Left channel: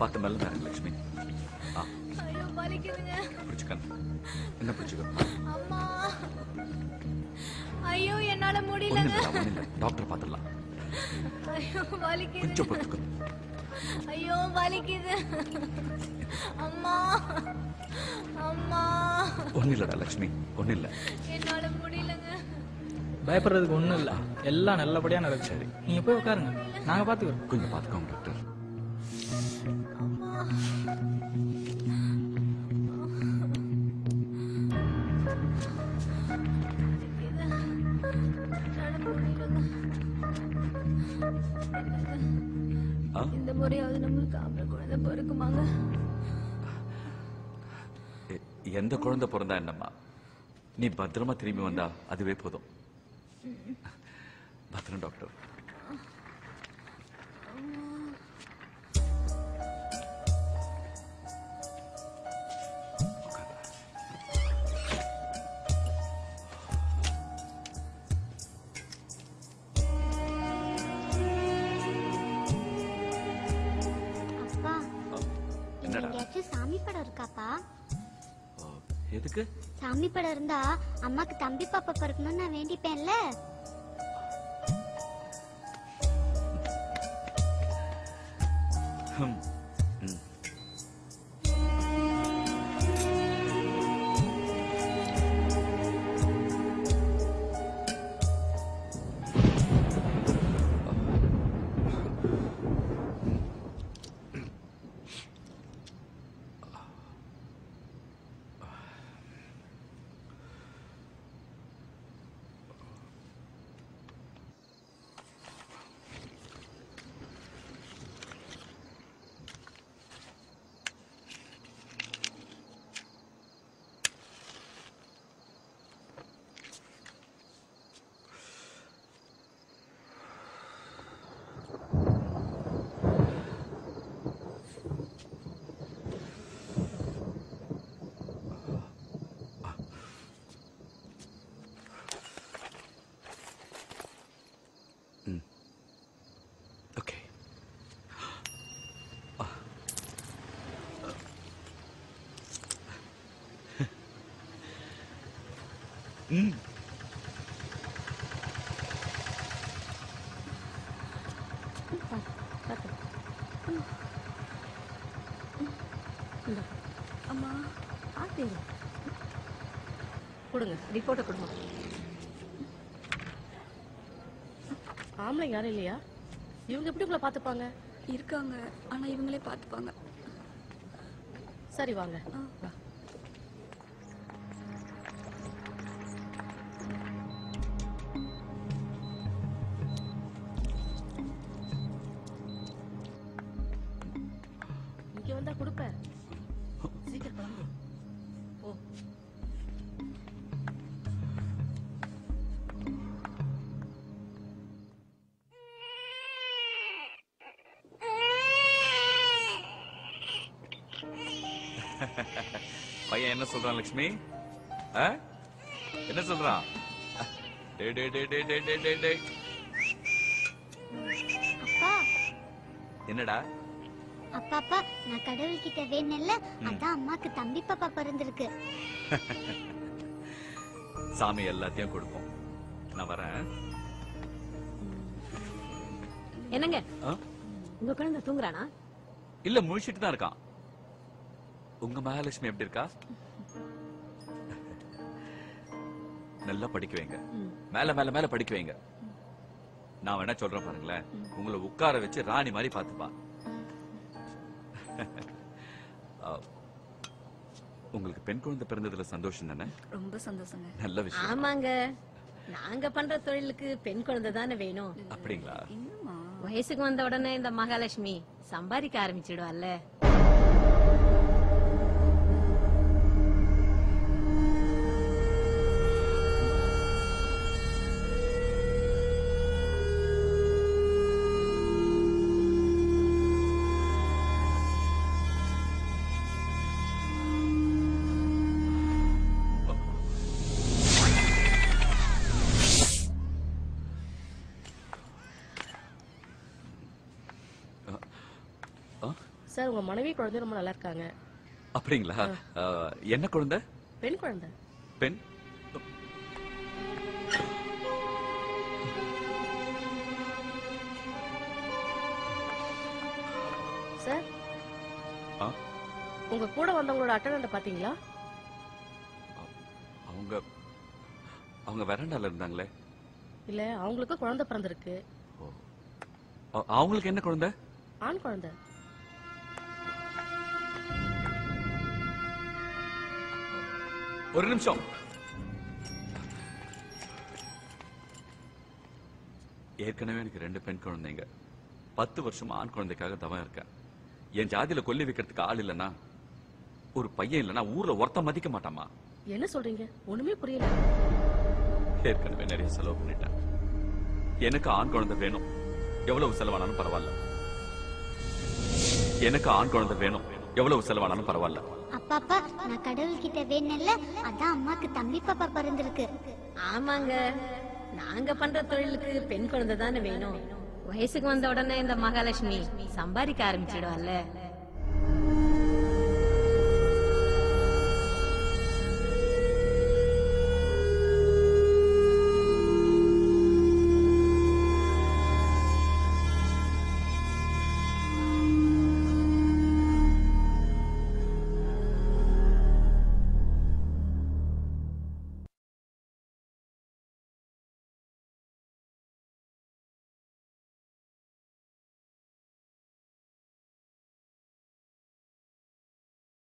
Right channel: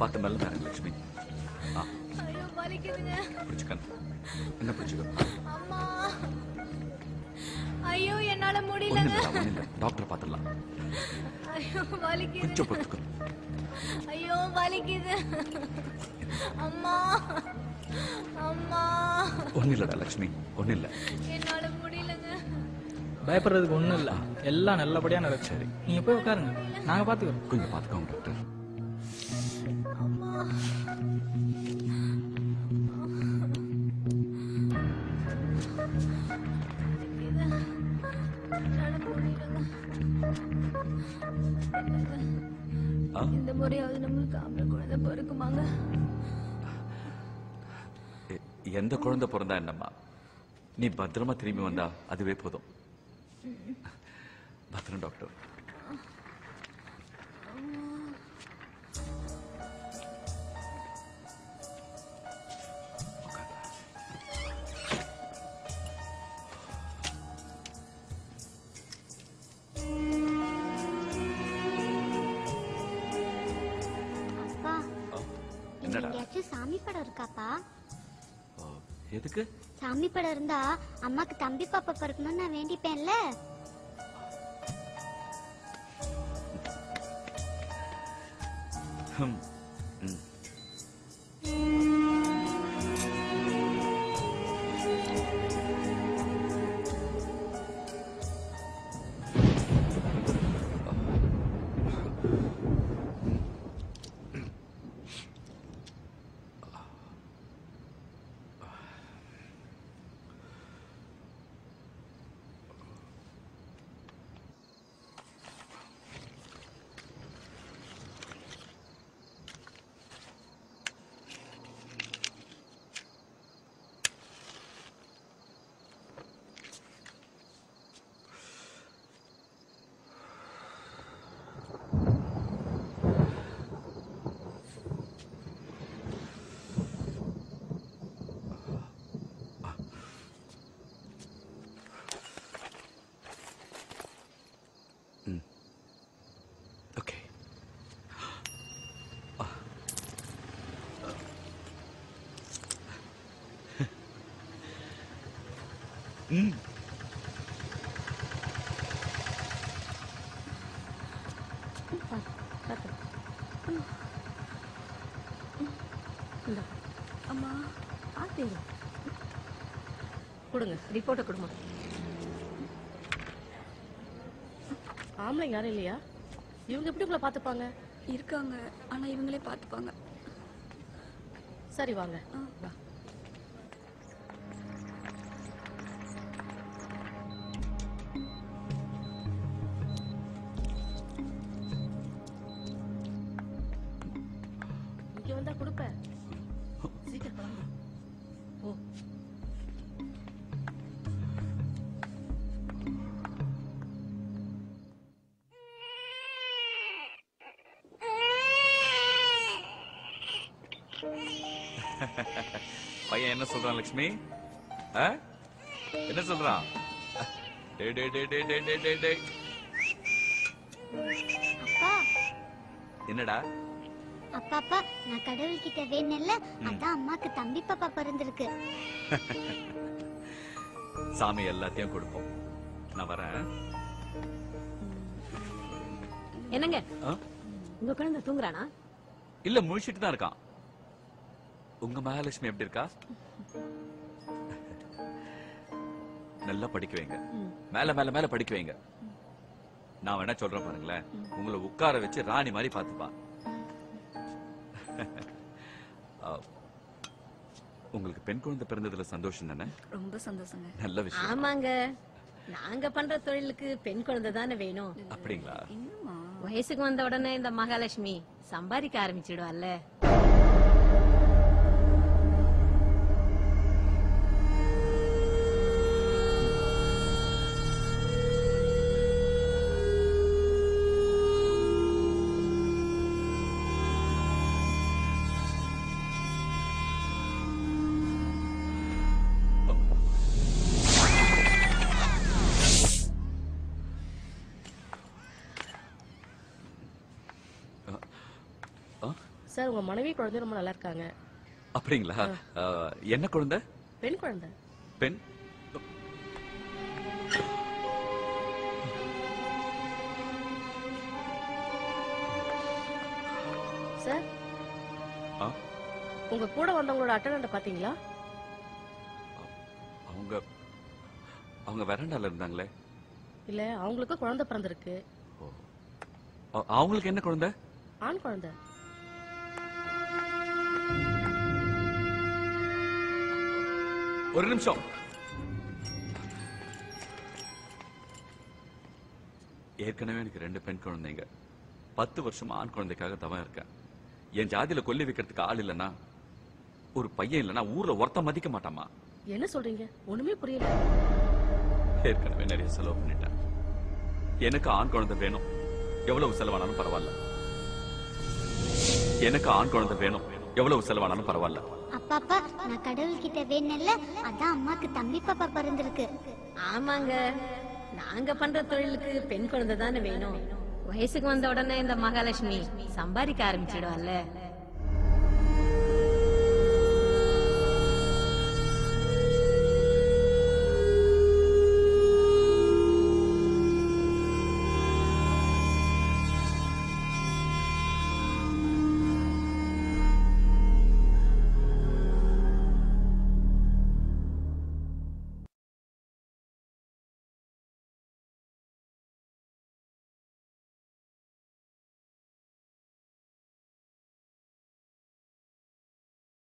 பார்த்து மெல்ல பாருங்க லட்சுமி. ஐயோ வலிக்குதுங்க. பிடிச்சுக்க. என்ன பிடிச்சுக்க? அம்மா. ஐயோ என்னால முடியலங்க. ஒண்ணுமில்ல, டாக்டர் பார்த்துடலாம். ஐயோ வலிக்குது. கொஞ்சம் பொறுத்துக்க. ஐயோ வலிக்குது. அம்மா. அம்மா. ஒன்னும் இல்லடா லட்சுமி, ஒன்னும் இல்ல. என்னால முடியலங்க. பயப்படுறதுக்கு ஒண்ணும் இல்ல, எல்லாம் நல்லபடியா நடக்கும். சரி நீங்க போய் உட்காருங்க, நாங்க பாத்துக்கிறோம். கொஞ்சம் பாத்துக்கோங்க டாக்டர். அம்மா. இந்த முறையாவது நம்மளுக்கு ஆம்பளை குழந்தை பிறக்குமாங்க? எந்த குழந்தை பிறந்தா என்னம்மா, நீ பத்திரமா திரும்பி வந்தா அதுவே போதும். பத்திரம் டாக்டர். சாமி படம் இருக்காப்பா? எதுக்கு? சாமி படம் இருந்தா அம்மாக்கு தம்பி பாப்பா பிறக்கணும்னு நான் வேண்டிப்பேன்ல. அம்மா கொடுங்க, ரிப்போர்ட்டை கொடுங்க. ஆம்பளை யாரும் இல்லையா? இவங்க எப்படி உங்களை பாத்துப்பாங்க? இருக்காங்க, ஆனா இவங்களே பாத்துப்பாங்க. சரி வாங்க. வா. இங்க வந்தா கொடுப்பேன். சீக்கிரம் கிளம்பு. ஓ பையன் என்ன சொல்றான் லட்சுமி? என்ன சொல்றான்? என்னடா? அப்பா அப்பா, நான் கடவுள்கிட்ட வேணல, அதான் அம்மாக்கு தம்பி பாப்பா பிறந்திருக்கு. சாமி எல்லாத்தையும் கொடுப்போம். நான் வரேன். என்னங்க உங்க குழந்தை தூங்குறானா? இல்ல, முழிச்சிட்டு தான் இருக்கான். உங்க மகாலட்சுமி எப்படி இருக்கா? நல்லா படிக்க வைங்க, மேல மேல மேல படிக்க வைங்க. நான் வேணா சொல்றேன் பாருங்களேன், உங்களை உட்கார வச்சு ராணி மாதிரி பாத்துப்பா. உங்களுக்கு பெண் குழந்தை பிறந்ததுல சந்தோஷம் தானே? ரொம்ப சந்தோஷங்க. நல்ல விஷயம். ஆமாங்க, நாங்க பண்ற தொழிலுக்கு பெண் குழந்தை தானே வேணும். அப்படிங்களா? வயசுக்கு வந்த உடனே இந்த மகாலட்சுமி சம்பாதிக்க ஆரம்பிச்சிடுவாள்ல. சார் உங்க மனைவி குழந்தை ரொம்ப நல்லா இருக்காங்க. அப்படிங்களா? என்ன குழந்தை? பெண் குழந்தை. பெண்? சார் ஆ? உங்க கூட வந்தவங்களோட அட்டண்டன்ட் பாத்தீங்களா? அவங்க அவங்க வெராண்டால இருந்தாங்களே. இல்ல அவங்களுக்கு குழந்தை பிறந்திருக்கு. ஓ. அவங்களுக்கு என்ன குழந்தை? ஆண் குழந்தை. ஒரு நிமிஷம். ஏற்கனவே எனக்கு 2 பெண் குழந்தைங்க. 10 வருஷமா ஆண் குழந்தைக்காக தவம் இருக்கேன். என் ஜாதியில கொல்லி வைக்கிறதுக்கு ஆள் இல்லனா, ஒரு பையன் இல்லனா ஊர்ல ஒருத்த மதிக்க மாட்டாமா. என்ன சொல்றீங்க? ஒண்ணுமே புரியல. ஏற்கனவே நிறைய செலவு பண்ணிட்டேன். எனக்கு ஆண் குழந்தை வேணும். எவ்வளவு செலவானாலும் பரவாயில்ல. எனக்கு ஆண் குழந்தை வேணும். எவ்வளவு செலவானாலும் பரவாயில்ல. அப்பாப்பா நான் கடவுள்கிட்ட வேணல, அதான் அம்மாக்கு தம்பி பாப்பா பிறந்திருக்கு. ஆமாங்க, நாங்க பண்ற தொழிலுக்கு பெண் குழந்தை தானே வேணும். வயசுக்கு வந்த உடனே இந்த மகாலட்சுமி சம்பாதிக்க ஆரம்பிச்சிடுவாள்ல.